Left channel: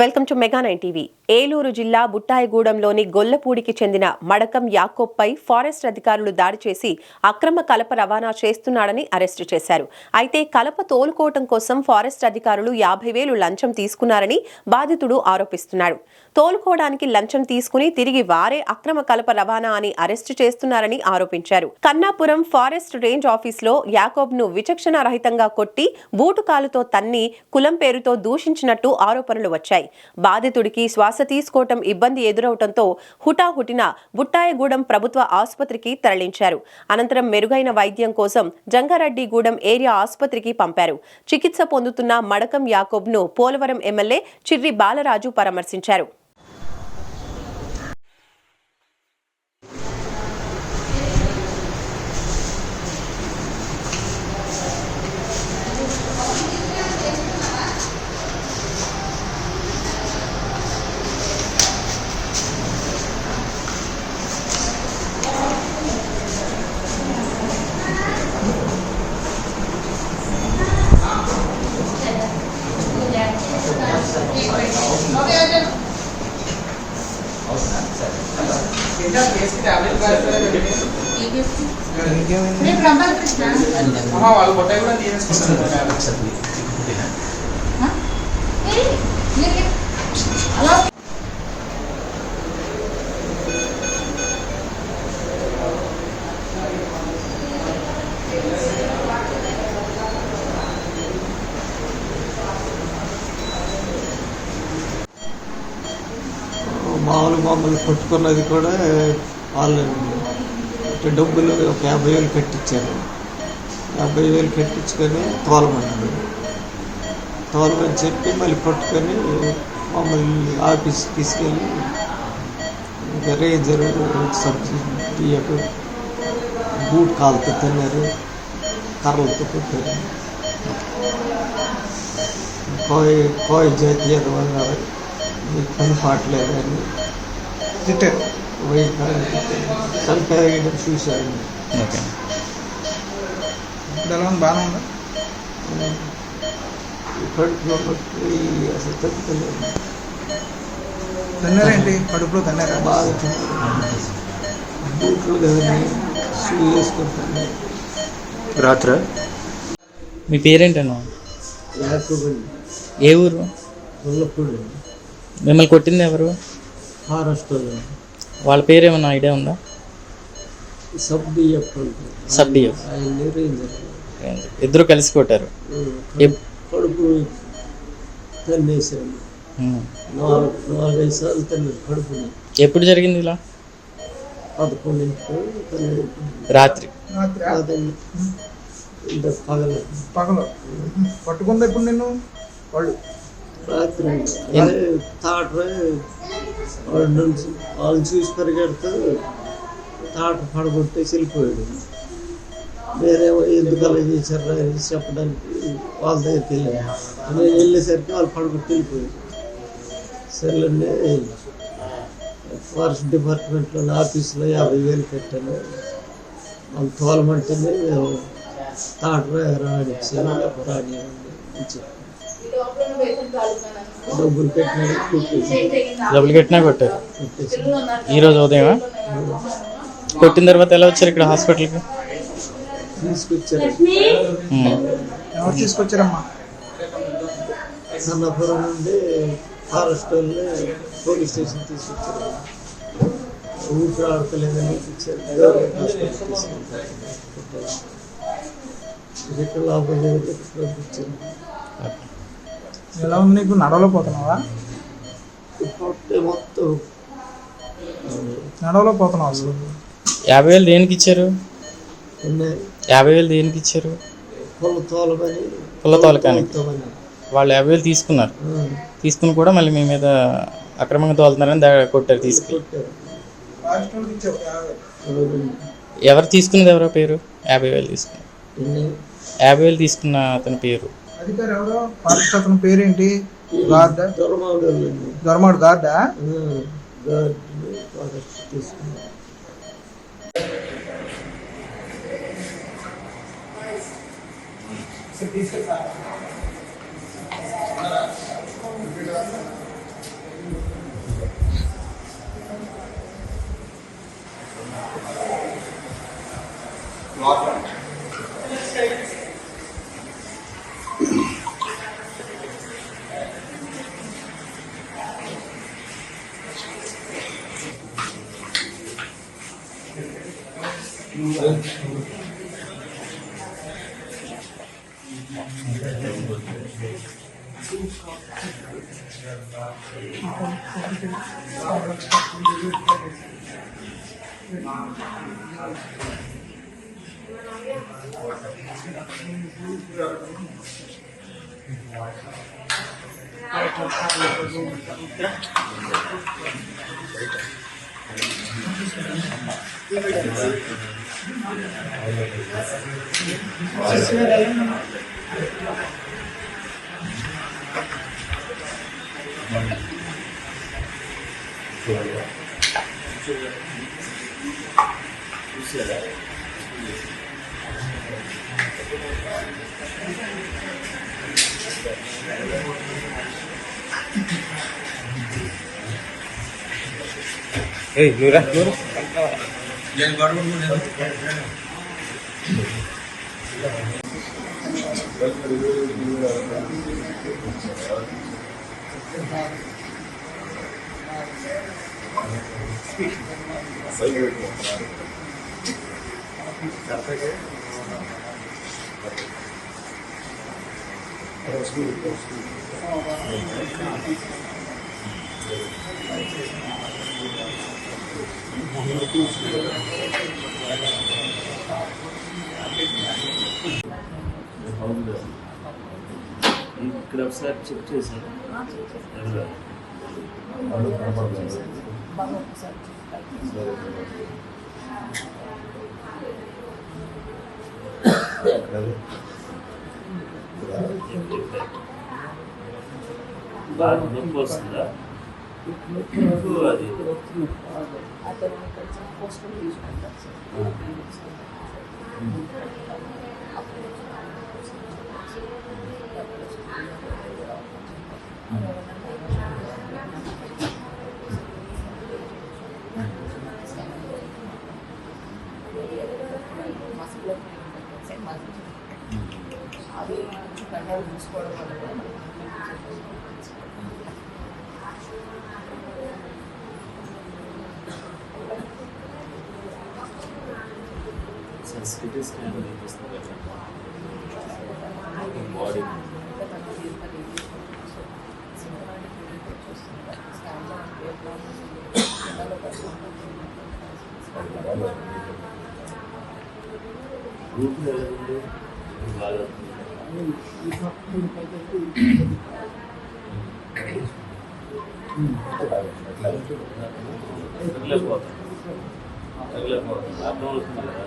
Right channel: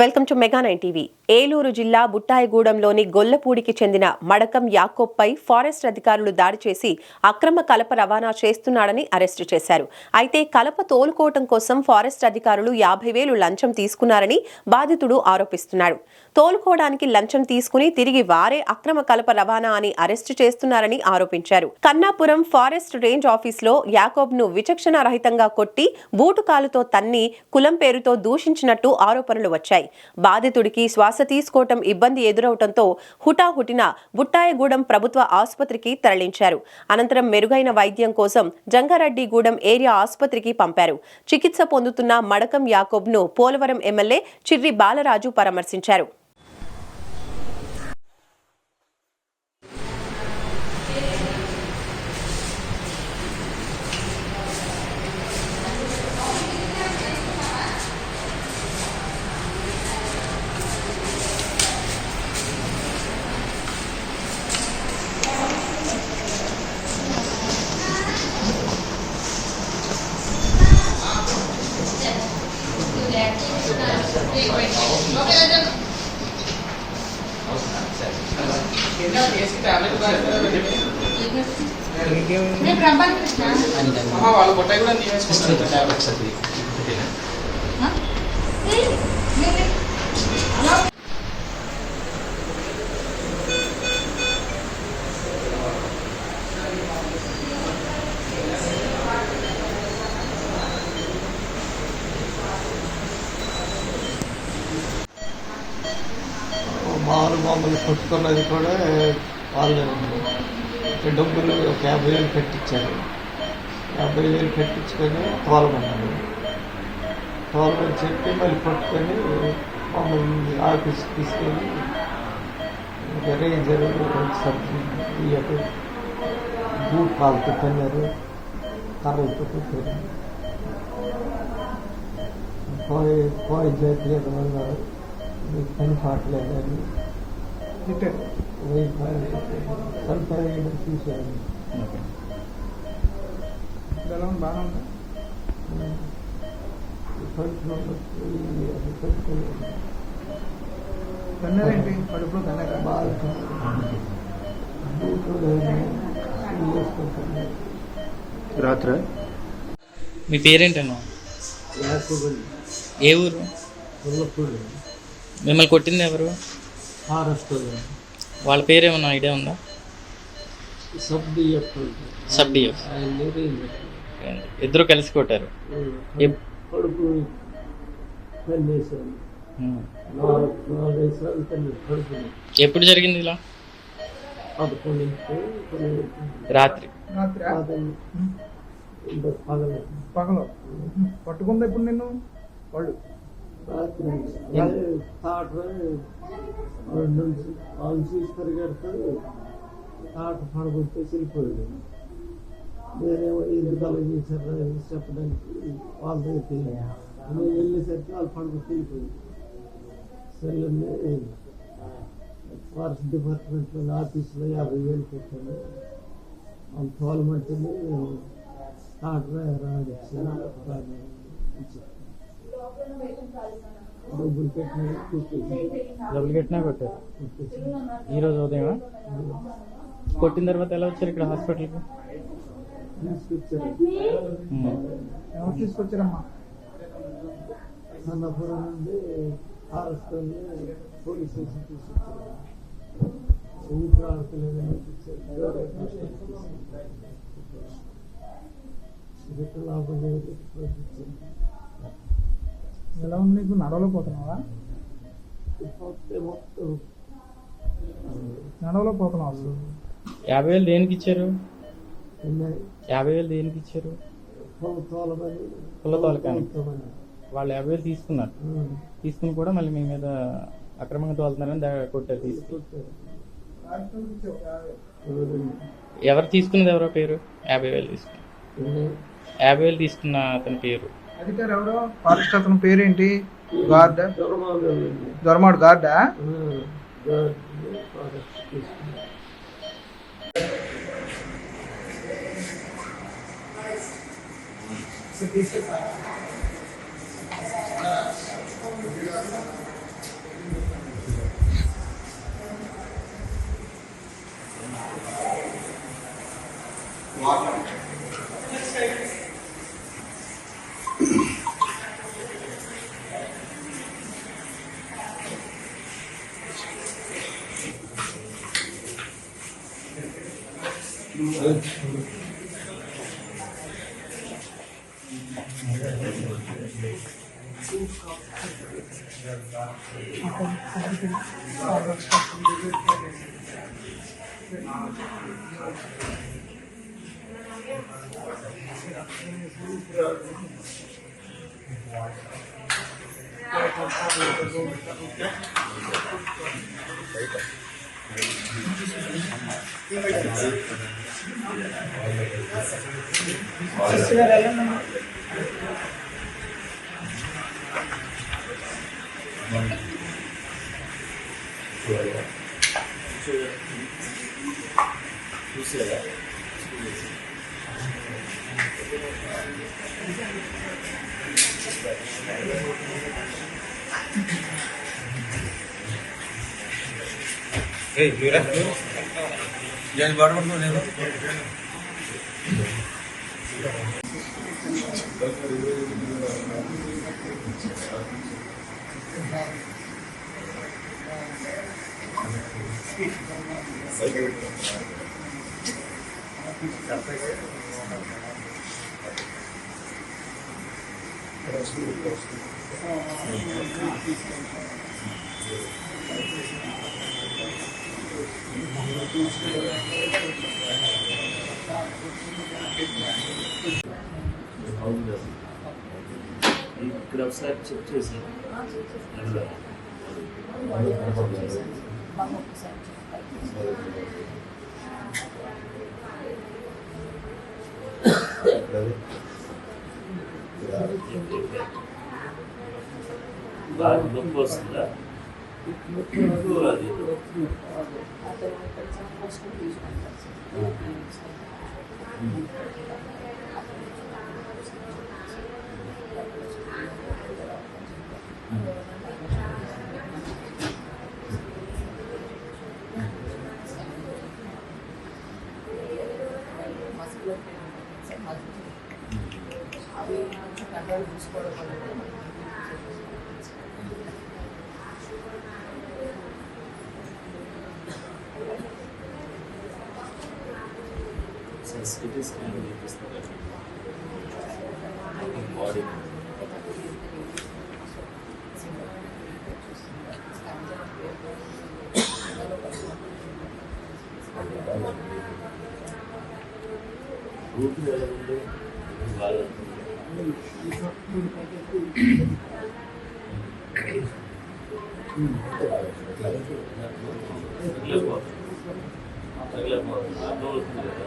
Welcome to mega 9 TV. Eluru జిల్లా బుట్టాయిగూడెంలోని గొల్లపూడికి చెందిన Madakam యాకోబ్పై forest అధికారులు దాడి చేసి అక్రమ కలప రవాణా చేస్తున్నాడని అరెస్టు చేశారు. అయితే కలప తోలుకోవటం కోసం ఫారెస్ట్ అధికారులు 50,000 లంచం తీసుకున్నారని బాధితుడు ఆరోపిస్తున్నాడు. తోలుకోవడానికి లంచం తీసుకుని తిరిగి వారే అక్రమ కలప రవాణా అని అరెస్టు చేస్తున్నారని ఆరోపించారు. కన్నాపురం ఫారెస్ట్ రేంజ్ ఆఫీసులో యాకోబ్ను విచక్షణ రహితంగా కొట్టి బూటుకాలుతో తన్ని కులం పేరుతో దూషించినట్టు ఆరోపణలు వచ్చాయి. బాధితుడికి శ్వాస తీసుకోవటం ఇబ్బంది ఎదురవటంతో హుటాహుటిన బుట్టాయిగూడెం ప్రభుత్వ ఆసుపత్రికి తరలించారు. అనంతరం మెరుగైన వైద్యం కోసం జంగారెడ్డిగూడెం ఏరియా ఆసుపత్రికి పంపారు. చికిత్స పొందుతున్న మడకం యాకోబ్ను పోలవరం ఎమ్మెల్యే చిర్రి బాలరాజు పరామర్శించారు. మామూలు మమ్మల్ని కొట్టుకున్నది కూడా వాళ్ళు డబ్బులు ఒక 50,000 కట్టించారు. 50,000 కట్టించుకొని తోలమన్నారు. తోలమని చెప్పి మళ్ళీ పట్టుకొని మమ్మల్ని ఆఫీస్కి తీసుకెళ్ళి రేంజర్ సబ్సిడీ బూట్ కాలుతో తిన్నారు, కర్రలతో కొట్టారు. కోయ జాతి ఎదవన్నారు, మీకు పని పాటలేదు అని చంపేయడం చూశారు. కడుపులో అసలు తప్పుకోలేదు. తిన్నారేంటి? కడుపులో తిన్నారా? బాగా తిన్నారు. బూట్లు కానీ షూ వేసుకుంటాను. రాత్ర మీ పేరేంటన్నా? యాకోబ్. ఏ ఊరు? గొల్లపూడి. మిమ్మల్ని కొట్టింది ఎవరు? ఫారెస్ట్ వాళ్ళ పేరు ఏమన్నా ఐడియా ఉందా? Sub DF. ఆయన రేంజర్. ఇద్దరు కలిసి కొట్టారు. కడుపు తన్నేసాను. 4-5 సార్లు తన్నేది కడుపుని. ఎప్పుడు జరిగింది ఇలా? 11 రాత్రి. పగలు పట్టుకుందా ఇప్పుడు నిన్ను వాళ్ళు? రాత్రి తాటరే వాళ్ళు చూసి పరిగెడితే తాట పడగొట్టేసి వెళ్ళిపోయాడు. వేరేమో ఎందుకు అలా చేశారు అని చెప్పడానికి వాళ్ళ దగ్గరికి వెళ్ళాను. నేను వెళ్ళేసరికి వాళ్ళు పడగొట్టి వెళ్ళిపోయాడు. సరేండి, ఫారెస్ట్ డిపార్ట్మెంట్లో ఆఫీసులో 50,000 పెట్టాను. వాళ్ళు తోలమంటేనే మేము తాటరే రానిచ్చాను. రానివ్వండి చెప్పి డబ్బులు కట్టినా కొట్టారు. ఈరోజు ఉదయం కొట్టిన తర్వాత ఎలా వచ్చారు ఇక్కడ హాస్పిటల్కి? తీసుకొచ్చారు. ఎవరు తీసుకొచ్చారమ్మా? కన్నాపురం నుండి ఫారెస్ట్ వాళ్ళే పోలీస్ స్టేషన్ తీసుకొచ్చారు. ఊపిరి ఆడతలేదని ఇచ్చారు. గవర్నమెంట్ హాస్పిటల్ తీసుకొచ్చారు. ఇక్కడ లోపల పంపించారు. ఎలా ఉంది నీకు? నడవలో పోతున్నావా? మొత్తం నడవలో పోతున్నావు అసలు. 50,000 దేనికి ఇచ్చారు? 50,000 దేనికి ఇచ్చారు? పుల్ల తోలకానికి. వాళ్ళు 50,000 తీసుకున్నారు. తీసుకుని కూడా మళ్ళీ మీ మీద అక్రమంగా తోలుతున్నారని కొట్టారు. తీసుకెళ్ళి ఎవరు తీసుకున్నది? ఎవరో పేరు? 50,000 తీసుకున్నారు. 50,000 తీసుకున్న అతని పేరు? అధికారి ఎవరో? ఫారెస్ట్ అతని పేరేంటి? గార్డా? దొరమాడు గార్డా? ఇక్కడ ఒకసారి చెక్ చేశాను. బాగా నొప్పి వస్తుందా? అది అది కంట్రోల్ చూసుకోవడం వల్ల సిటీ స్కాన్ చూపిస్తారు బాడీ రూట్ ఎలా ఉంది బాగా తగిలిపోతుంది అర్థం అవుతుంది కదా.